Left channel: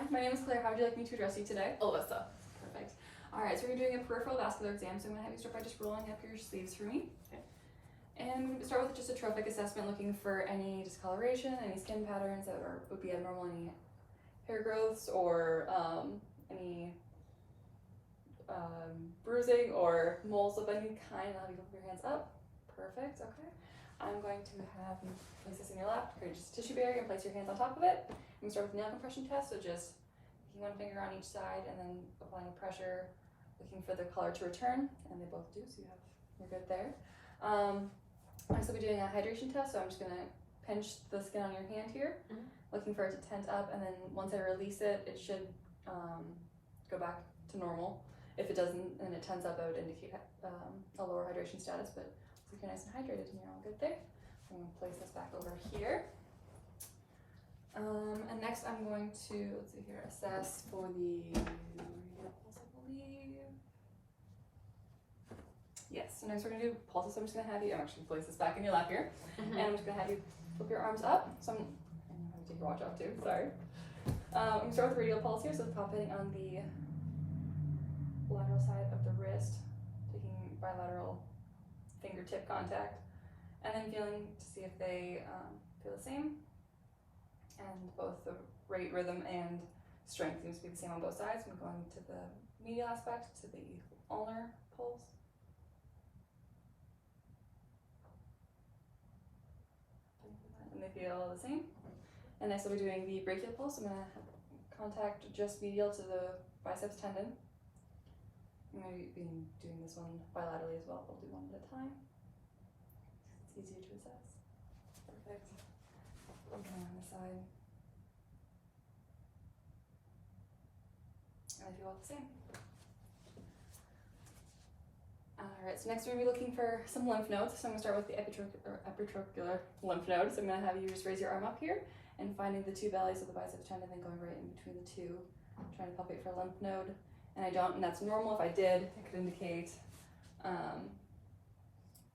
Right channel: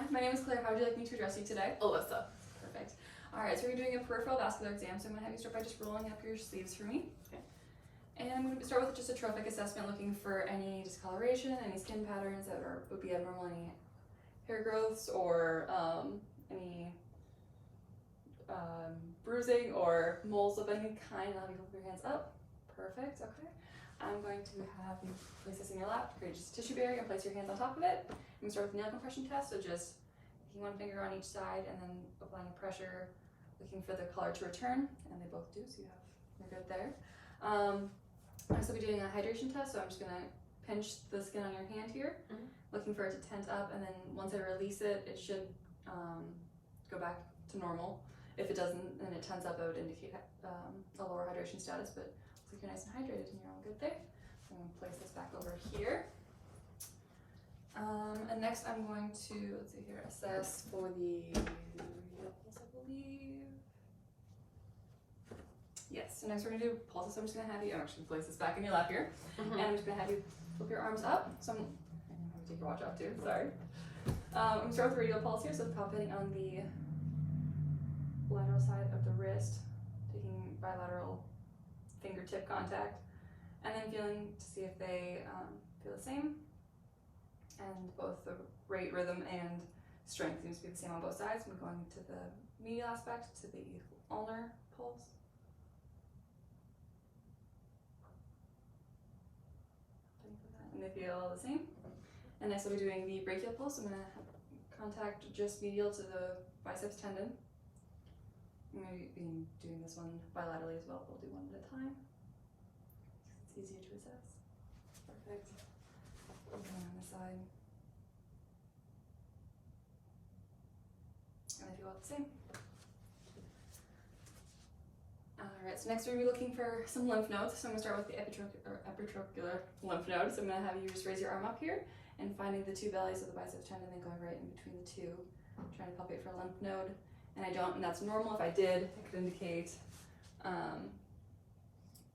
Hi, my name is Claire. How would you like me to address you today? Alyssa. Perfect. Alright, so we're doing a peripheral vascular exam, so I'm going to have you start by just rolling up your sleeves for me. Okay. And I'm going to start with just a trophic assessment, looking for any discoloration, any skin patterns that would be abnormal, any hair growths, or any bruising or moles of any kind. I'll have you put your hands up. Perfect, okay. I'm going to have you place this in your lap, create just a tissue barrier, and place your hands on top of it. I'm going to start with the nail compression test, so just one finger on each side and then applying pressure, looking for the color to return, and they both do, so you're good there. Next we'll be doing a hydration test, so I'm just going to pinch the skin on your hand here, looking for it to tent up, and then once I release it, it should go back to normal. If it doesn't and it tents up, I would indicate a lower hydration status, but looks like you're nice and hydrated and you're all good there. So I'm going to place this back over here. And next I'm going to, let's see here, assess for the pulse, I believe. Yes, so next we're going to do pulses, so I'm just going to have you, I'm actually going to place this back in your lap here, and I'm just going to have you flip your arms up. So I'm going to take your watch off too, sorry. I'm going to start with the radial pulse here, so palpating on the lateral side of the wrist, taking bilateral fingertip contact, and then feeling to see if they feel the same. And both the rate, rhythm, and strength seems to be the same on both sides. I'm going to the medial aspect, to the ulnar pulse. And they feel the same. And next I'll be doing the brachial pulse. I'm going to contact just medial to the biceps tendon. I'm going to be doing this one bilaterally as well. We'll do one at a time. It's easier to assess. Perfect. And then on the side. And I feel the same. Alright, so next we're going to be looking for some lymph nodes. So I'm going to start with the epitrochlear lymph node. So I'm going to have you just raise your arm up here and finding the two bellies of the biceps tendon, then going right in between the two, trying to palpate for a lymph node. And I don't, and that's normal. If I did, it could indicate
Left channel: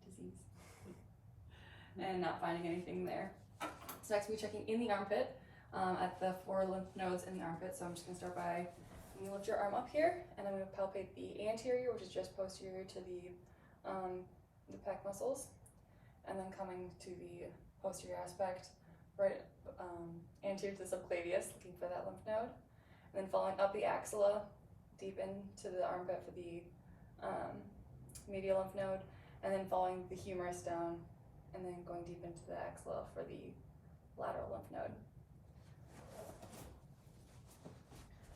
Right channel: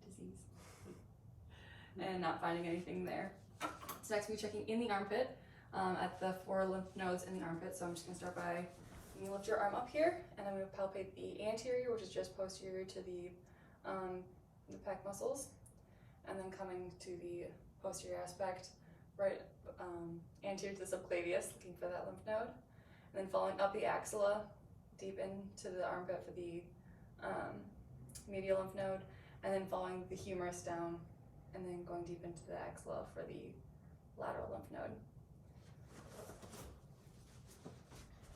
disease and not finding anything there. So next we'll be checking in the armpit at the 4 lymph nodes in the armpit. So I'm just going to start by, I'm going to lift your arm up here, and I'm going to palpate the anterior, which is just posterior to the pec muscles, and then coming to the posterior aspect, right anterior to the subclavius, looking for that lymph node, and then following up the axilla, deep into the armpit for the medial lymph node, and then following the humerus down, and then going deep into the axilla for the lateral lymph node.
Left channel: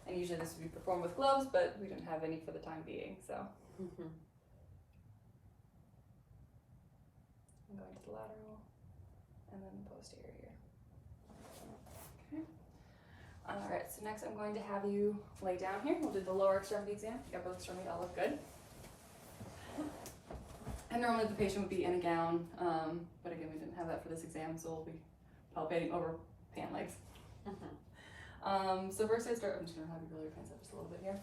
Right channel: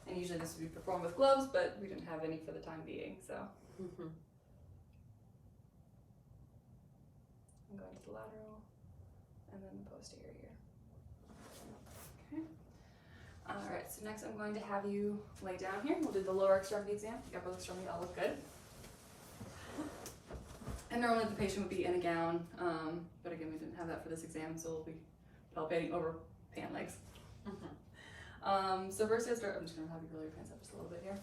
And usually this would be performed with gloves, but we didn't have any for the time being, so. I'm going to the lateral, and then the posterior. Okay. Alright, so next I'm going to have you lay down here. We'll do the lower extremity exam. The upper extremity all look good. And normally the patient would be in a gown, but again, we didn't have that for this exam, so we'll be palpating over pant legs. So first I'm just going to have you roll your pants up just a little bit here.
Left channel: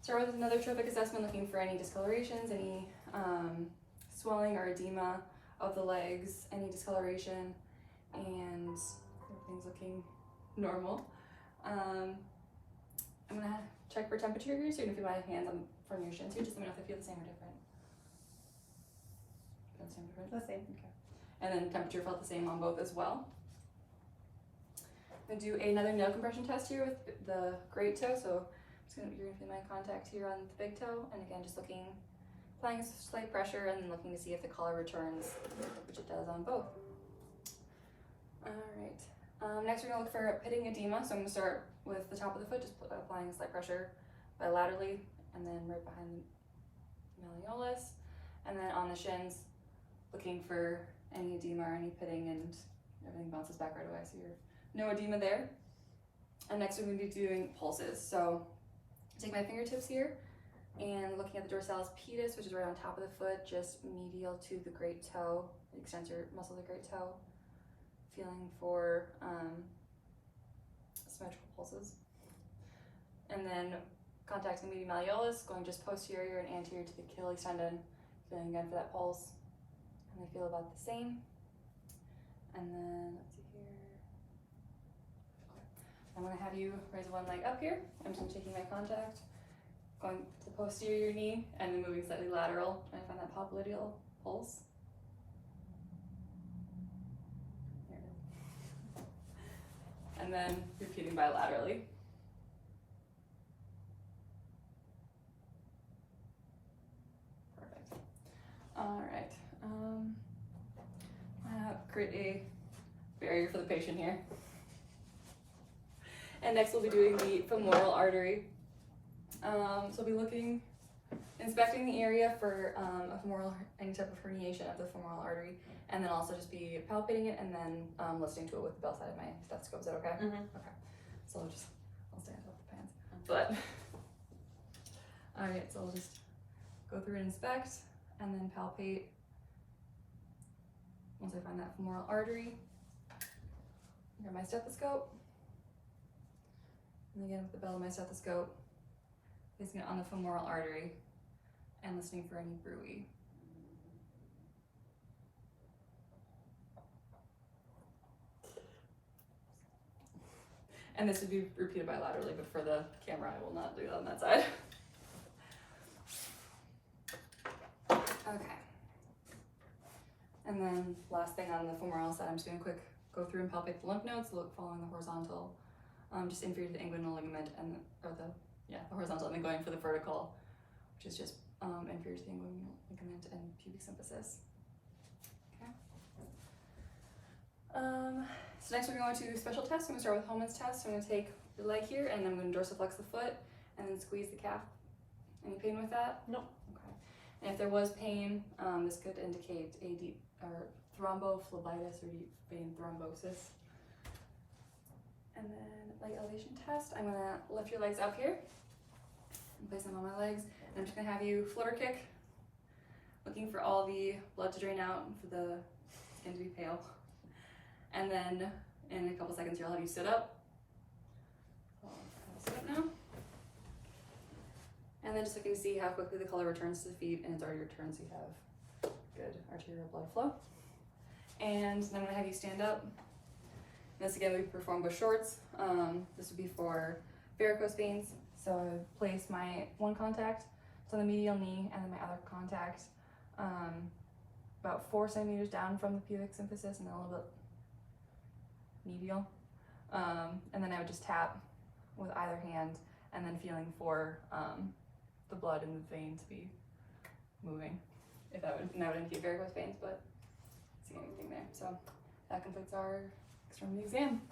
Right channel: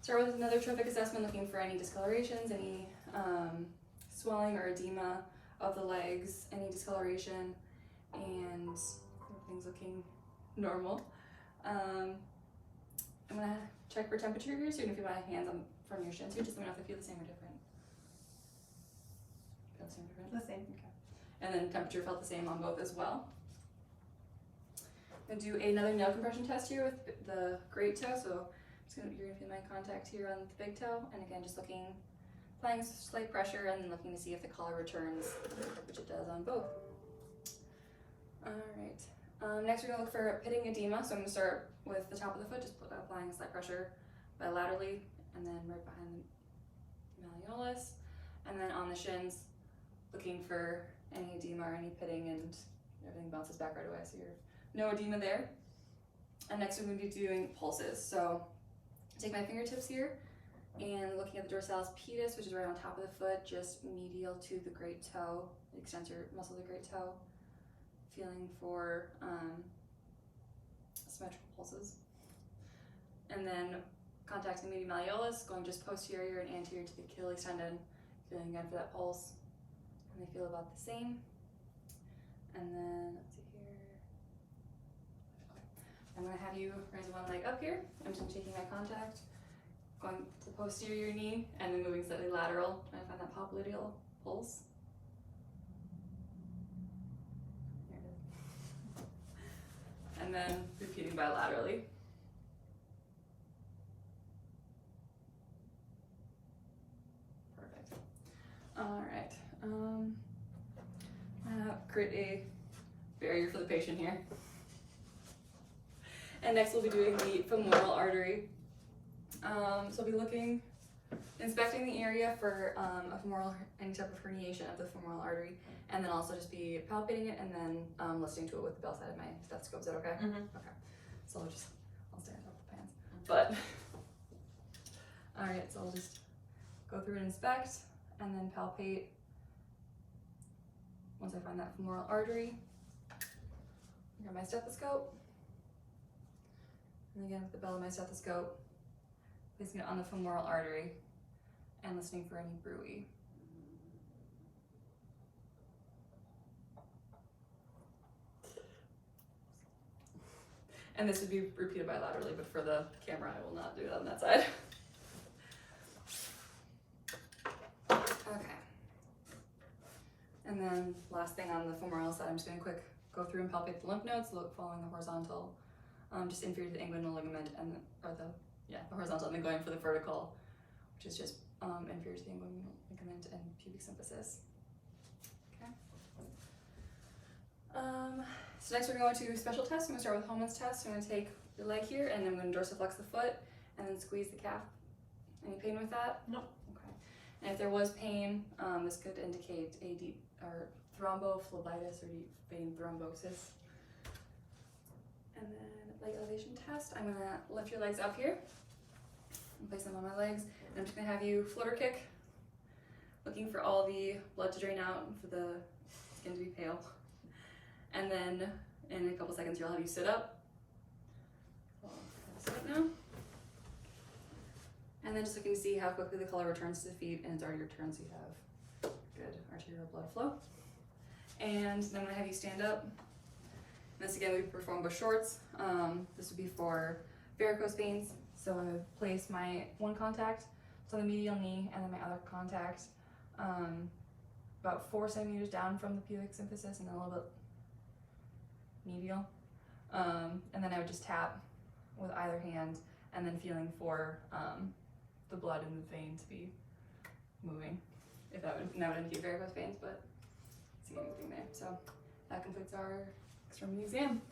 Start with another trophic assessment, looking for any discolorations, any swelling or edema of the legs, any discoloration, and everything's looking normal. I'm going to check for temperature here, so you can feel my hands on from your shins here. Just let me know if they feel the same or different. Feel the same or different? The same. Okay. And then temperature felt the same on both as well. I'm going to do another nail compression test here with the great toe. So you're going to feel my contact here on the big toe. And again, just applying slight pressure and then looking to see if the color returns, which it does on both. Alright. Next we're going to look for pitting edema. So I'm going to start with the top of the foot, just applying slight pressure bilaterally, and then right behind the malleolus. And then on the shins, looking for any edema or any pitting, and everything bounces back right away. So you're no edema there. And next we're going to be doing pulses. So take my fingertips here and looking at the dorsalis pedis, which is right on top of the foot, just medial to the great toe, the extensor muscle of the great toe. Feeling for symmetrical pulses. And then contacting the medial malleolus, going just posterior and anterior to the Achilles tendon, feeling again for that pulse. And they feel about the same. And then, let's see here. Okay. I'm going to have have you raise one leg up here. I'm just taking my contact, going to posterior knee, and then moving slightly lateral, trying to find that popliteal pulse. And then repeating bilaterally. Perfect. All right. Create a barrier for the patient here. And next we'll be doing the femoral artery. So we'll be looking, inspecting the area for a femoral, any type of herniation of the femoral artery, and then also just be palpating it and then listening to it with the bell side of my stethoscope. Is that okay? Mm-hmm. Okay. So I'll stand up the pants. But, all right, so I'll just go through and inspect and then palpate once I find that femoral artery. Get my stethoscope. And again with the bell of my stethoscope, placing it on the femoral artery and listening for any bruit. And this would be repeated bilaterally, but for the camera, I will not do that on that side. Okay. And then last thing on the femoral side, I'm just gonna quick go through and palpate the lymph nodes, following the horizontal, just inferior to the inguinal ligament and the horizontal, and then going for the vertical, which is just inferior to the inguinal ligament and pubic symphysis. Okay. So next we're going to special tests. I'm gonna start with Homan's test. I'm gonna take your leg here and then I'm gonna dorsiflex the foot and then squeeze the calf. Any pain with that? No. Okay. And if there was pain, this could indicate a deep or thrombophlebitis or deep vein thrombosis. And then leg elevation test. I'm gonna lift your legs up here and place them on my legs. And I'm just gonna have you flutter kick, looking for all the blood to drain out and for the skin to be pale. And then in a couple seconds here, I'll have you sit up. Sit up now. And then just looking to see how quickly the color returns to the feet, and it's already returned, so you have good arterial blood flow. And then I'm gonna have you stand up. This again, we perform with shorts. This would be for varicose veins. So I would place my one contact on the medial knee and then my other contact about 4 centimeters down from the pubic symphysis and then a little bit medial. And then I would just tap with either hand and then feeling for the blood in the vein to be moving. If that would indicate varicose veins, but I don't see anything there. So that completes our extremity exam.